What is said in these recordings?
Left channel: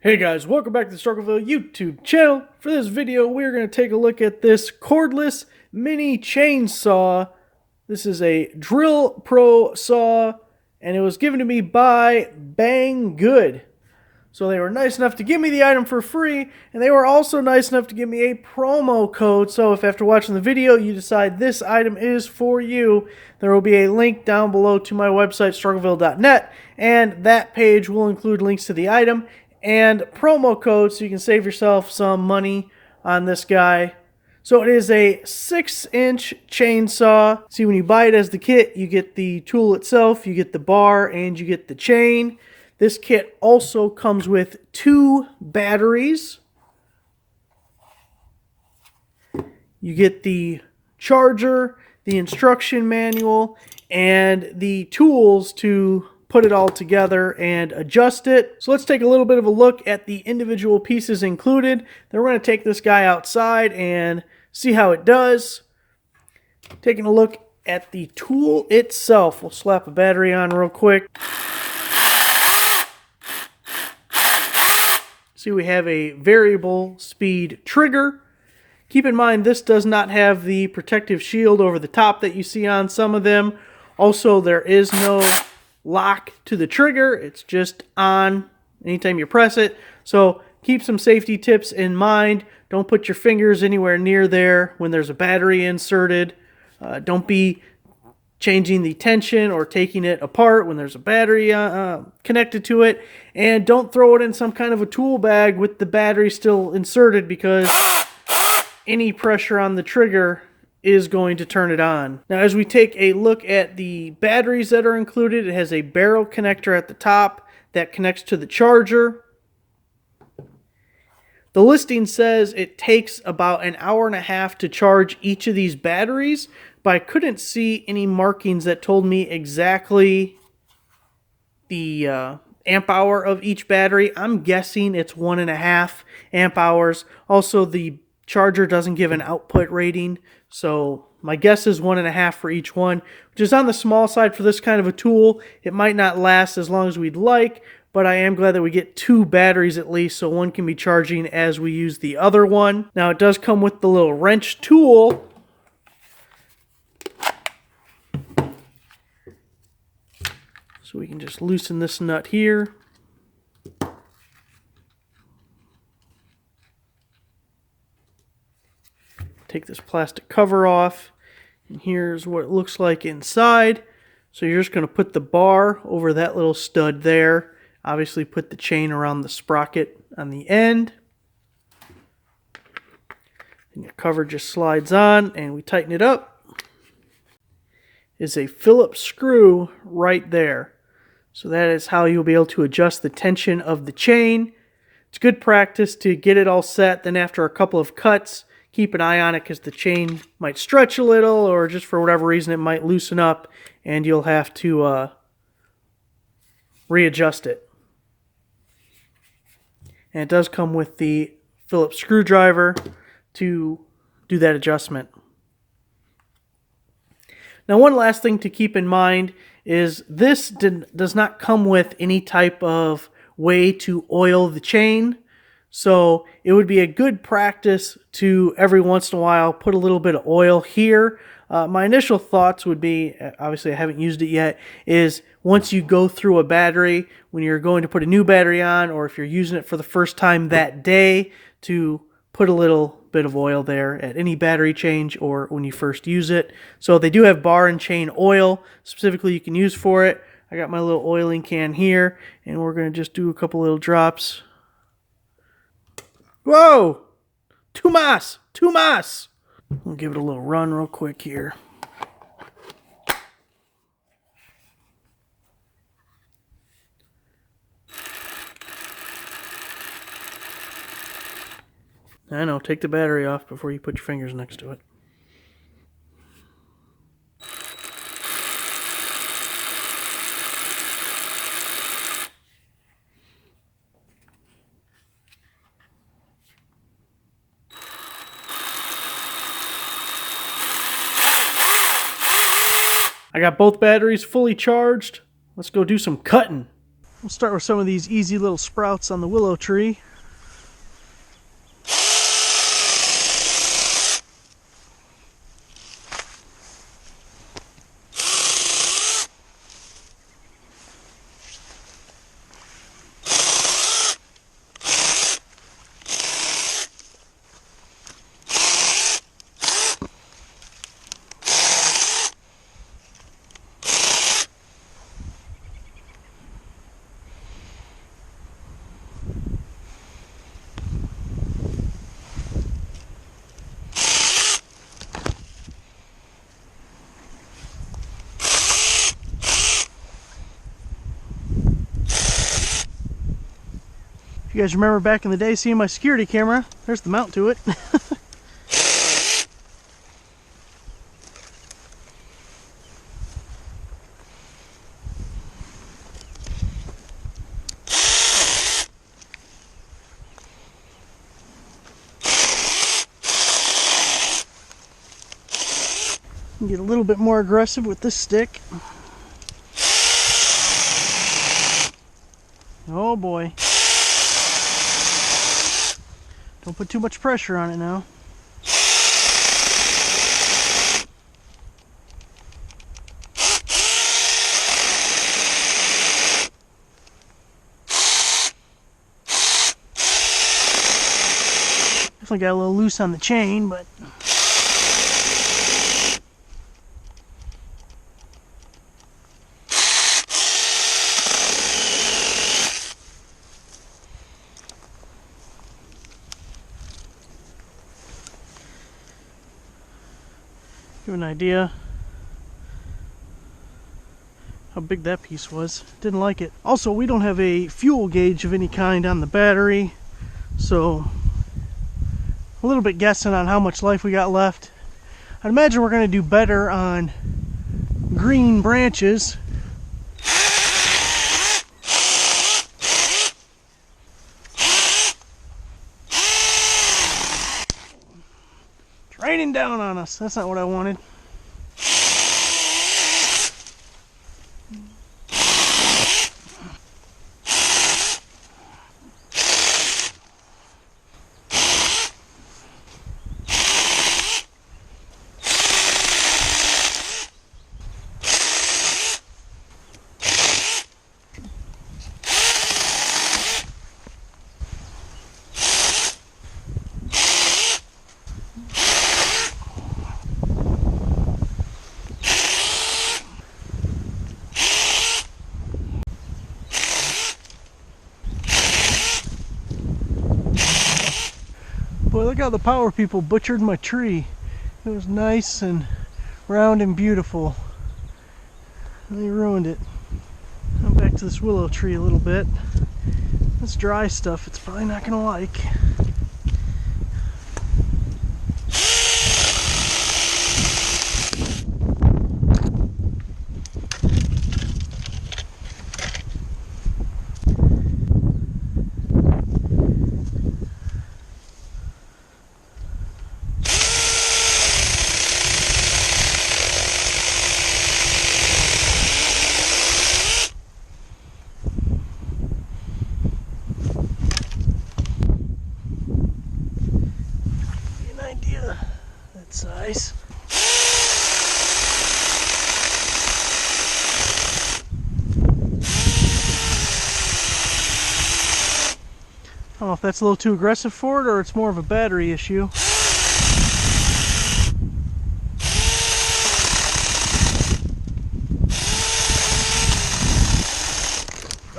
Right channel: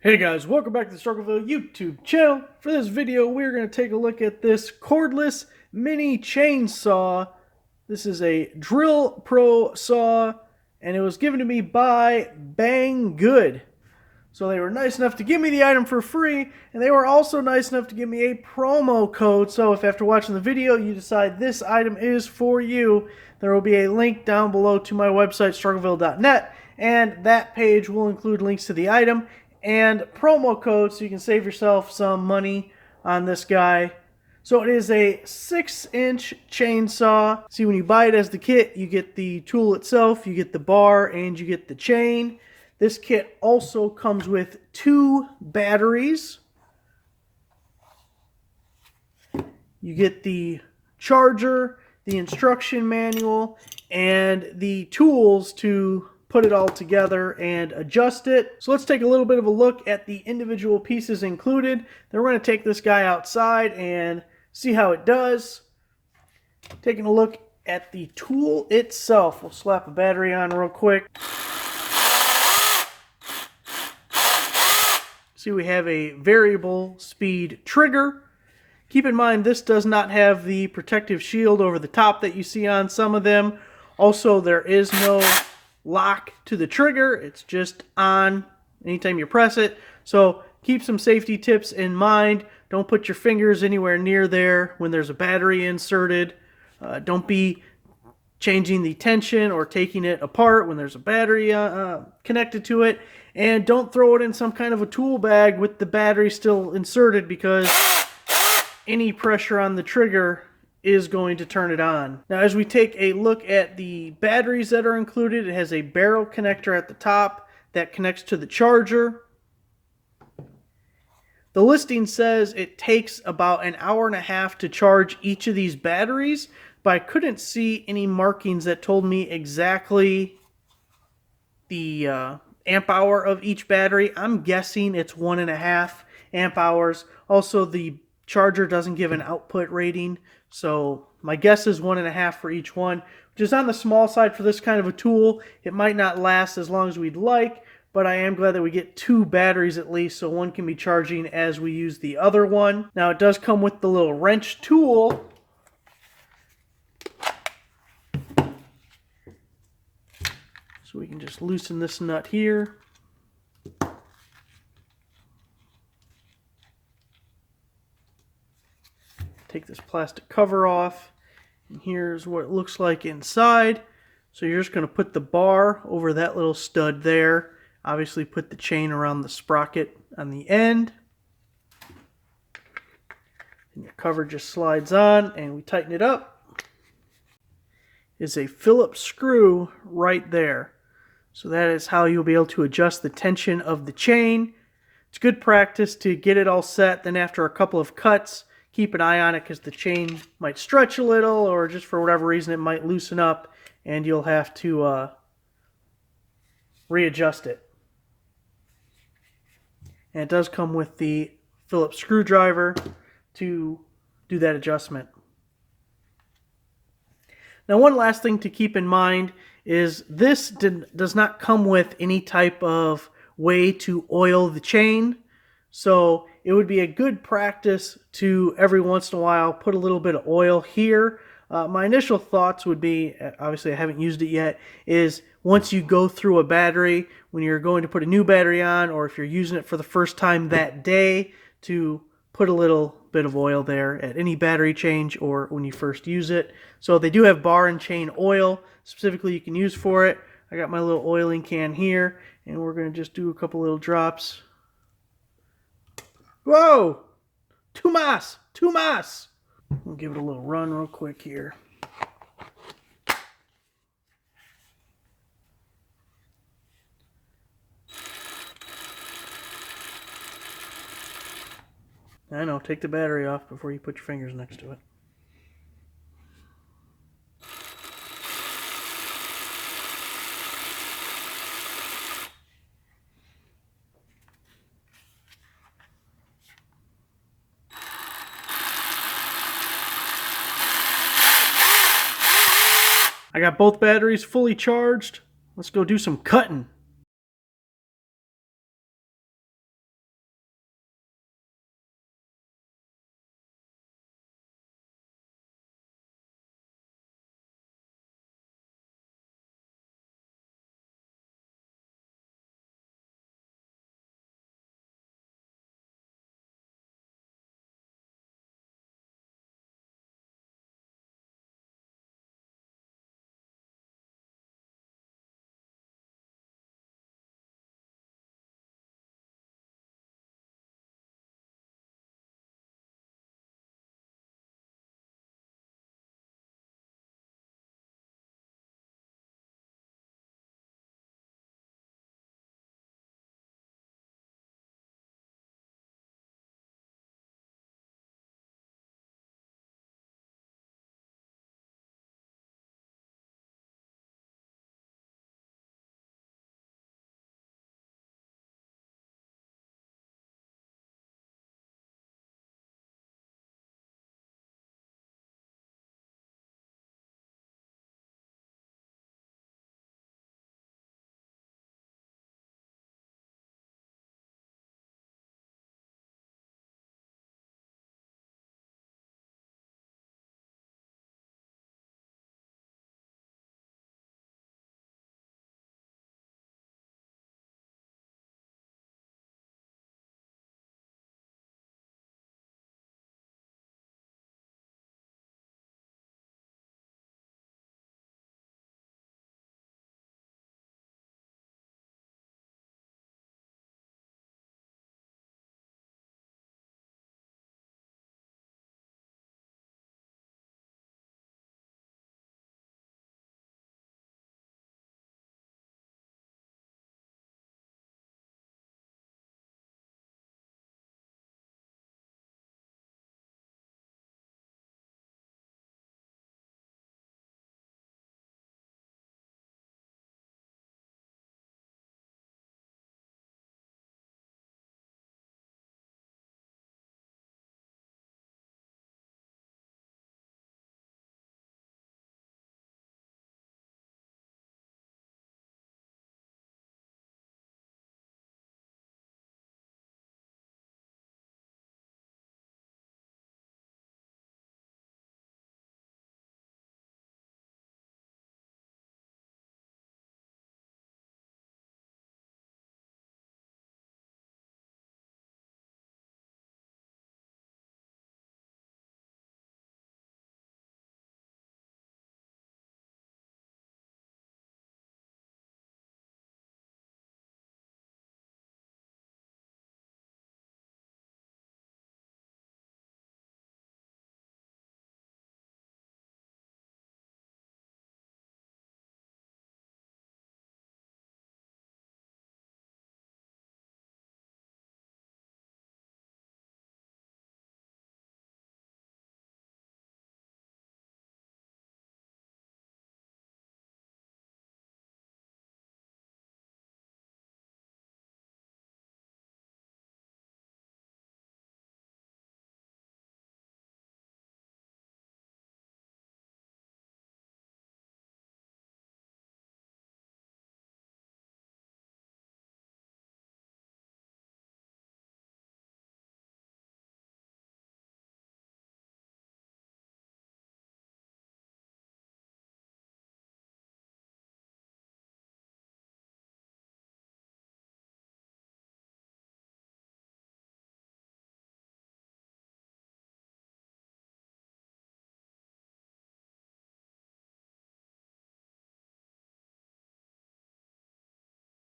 Hey guys, welcome back to the Struggleville YouTube channel. For this video, we're going to take a look at this cordless mini chainsaw. This is a Drill Pro saw, and it was given to me by Banggood. So they were nice enough to give me the item for free, and they were also nice enough to give me a promo code. So if after watching the video you decide this item is for you, there will be a link down below to my website, struggleville.net, and that page will include links to the item and promo codes so you can save yourself some money on this guy. So it is a 6-inch chainsaw. See, when you buy it as the kit, you get the tool itself, you get the bar, and you get the chain. This kit also comes with 2 batteries. You get the charger, the instruction manual, and the tools to put it all together and adjust it. So let's take a little bit of a look at the individual pieces included. Then we're going to take this guy outside and see how it does. Taking a look at the tool itself. We'll slap a battery on real quick. See, we have a variable speed trigger. Keep in mind, this does not have the protective shield over the top that you see on some of them. Also, there is no lock to the trigger. It's just on anytime you press it. So keep some safety tips in mind. Don't put your fingers anywhere near there when there's a battery inserted. Don't be changing the tension or taking it apart when there's a battery connected to it. And don't throw it in some kind of a tool bag with the battery still inserted, because any pressure on the trigger is going to turn it on. Now, as we take a look at the batteries that are included, it has a barrel connector at the top that connects to the charger. The listing says it takes about an hour and a half to charge each of these batteries, but I couldn't see any markings that told me exactly the amp hour of each battery. I'm guessing it's 1.5 amp hours. Also, the charger doesn't give an output rating, so my guess is 1.5 for each one, which is on the small side for this kind of a tool. It might not last as long as we'd like, but I am glad that we get 2 batteries at least, so one can be charging as we use the other one. Now, it does come with the little wrench tool. So we can just loosen this nut here. Take this plastic cover off, and here's what it looks like inside. So you're just going to put the bar over that little stud there. Obviously put the chain around the sprocket on the end. And your cover just slides on, and we tighten it up. Is a Phillips screw right there. So that is how you'll be able to adjust the tension of the chain. It's good practice to get it all set. Then after a couple of cuts, keep an eye on it, because the chain might stretch a little, or just for whatever reason it might loosen up, and you'll have to readjust it. And it does come with the Phillips screwdriver to do that adjustment. Now, one last thing to keep in mind is this does not come with any type of way to oil the chain. So it would be a good practice to every once in a while put a little bit of oil here. My initial thoughts would be, obviously I haven't used it yet, is once you go through a battery, when you're going to put a new battery on, or if you're using it for the first time that day, to put a little bit of oil there at any battery change or when you first use it. So they do have bar and chain oil specifically you can use for it. I got my little oiling can here, and we're going to just do a couple little drops. Whoa! Too mas! Too mas! We'll give it a little run real quick here. I know, take the battery off before you put your fingers next to it. I got both batteries fully charged. Let's go do some cutting. We'll start with some of these easy little sprouts on the willow tree. If you guys remember back in the day seeing my security camera, there's the mount to it. Get a little bit more aggressive with this stick. Oh boy. Don't put too much pressure on it now. Definitely got a little loose on the chain, but give an idea how big that piece was. Didn't like it. Also, we don't have a fuel gauge of any kind on the battery, so a little bit guessing on how much life we got left. I'd imagine we're going to do better on green branches. It's raining down on us. That's not what I wanted. Boy, look how the power people butchered my tree. It was nice and round and beautiful. And they ruined it. Come back to this willow tree a little bit. This dry stuff, it's probably not going to like. Size. I don't know if that's a little too aggressive for it or it's more of a battery issue.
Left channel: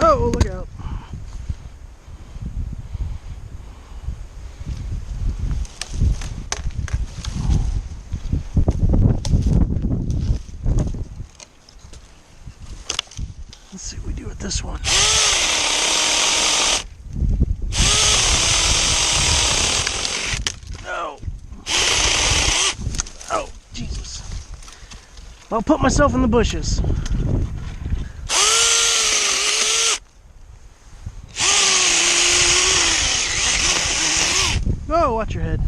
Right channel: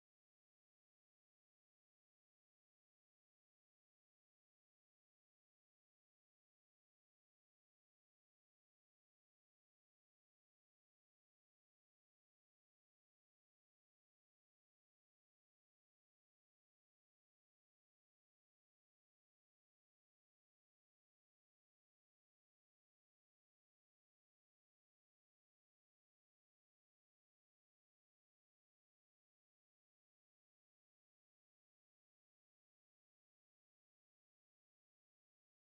Oh, look out. Let's see what we do with this one. No. Oh, Jesus. I'll put myself in the bushes. Oh, watch your head.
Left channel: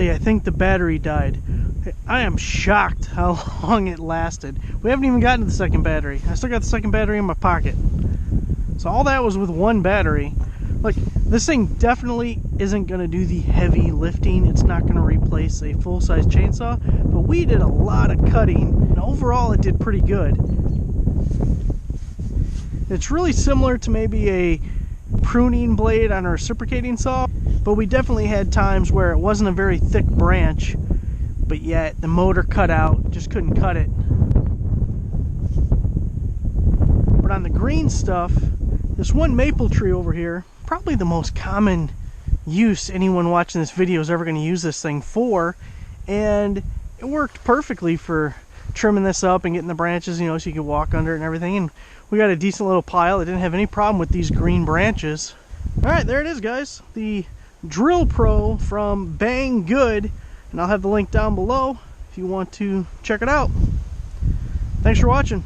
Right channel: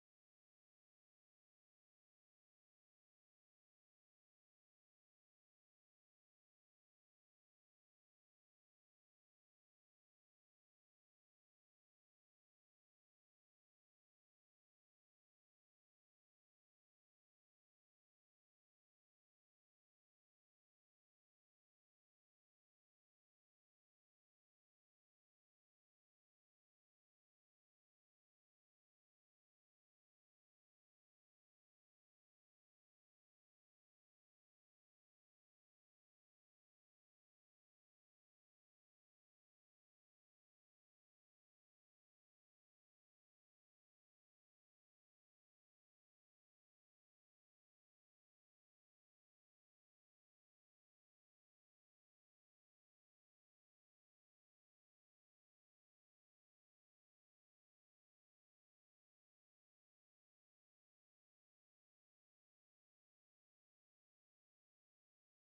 unfortunately, I think the battery died. I am shocked how long it lasted. We haven't even gotten to the second battery. I still got the second battery in my pocket. So all that was with one battery. Like, this thing definitely isn't going to do the heavy lifting. It's not going to replace a full-size chainsaw, but we did a lot of cutting, and overall it did pretty good. It's really similar to maybe a pruning blade on a reciprocating saw, but we definitely had times where it wasn't a very thick branch, but yet the motor cut out, just couldn't cut it. But on the green stuff, this one maple tree over here, probably the most common use anyone watching this video is ever going to use this thing for, and it worked perfectly for trimming this up and getting the branches, you know, so you could walk under it and everything. And we got a decent little pile. It didn't have any problem with these green branches. All right, there it is, guys. The Drill Pro from Banggood, and I'll have the link down below if you want to check it out. Thanks for watching.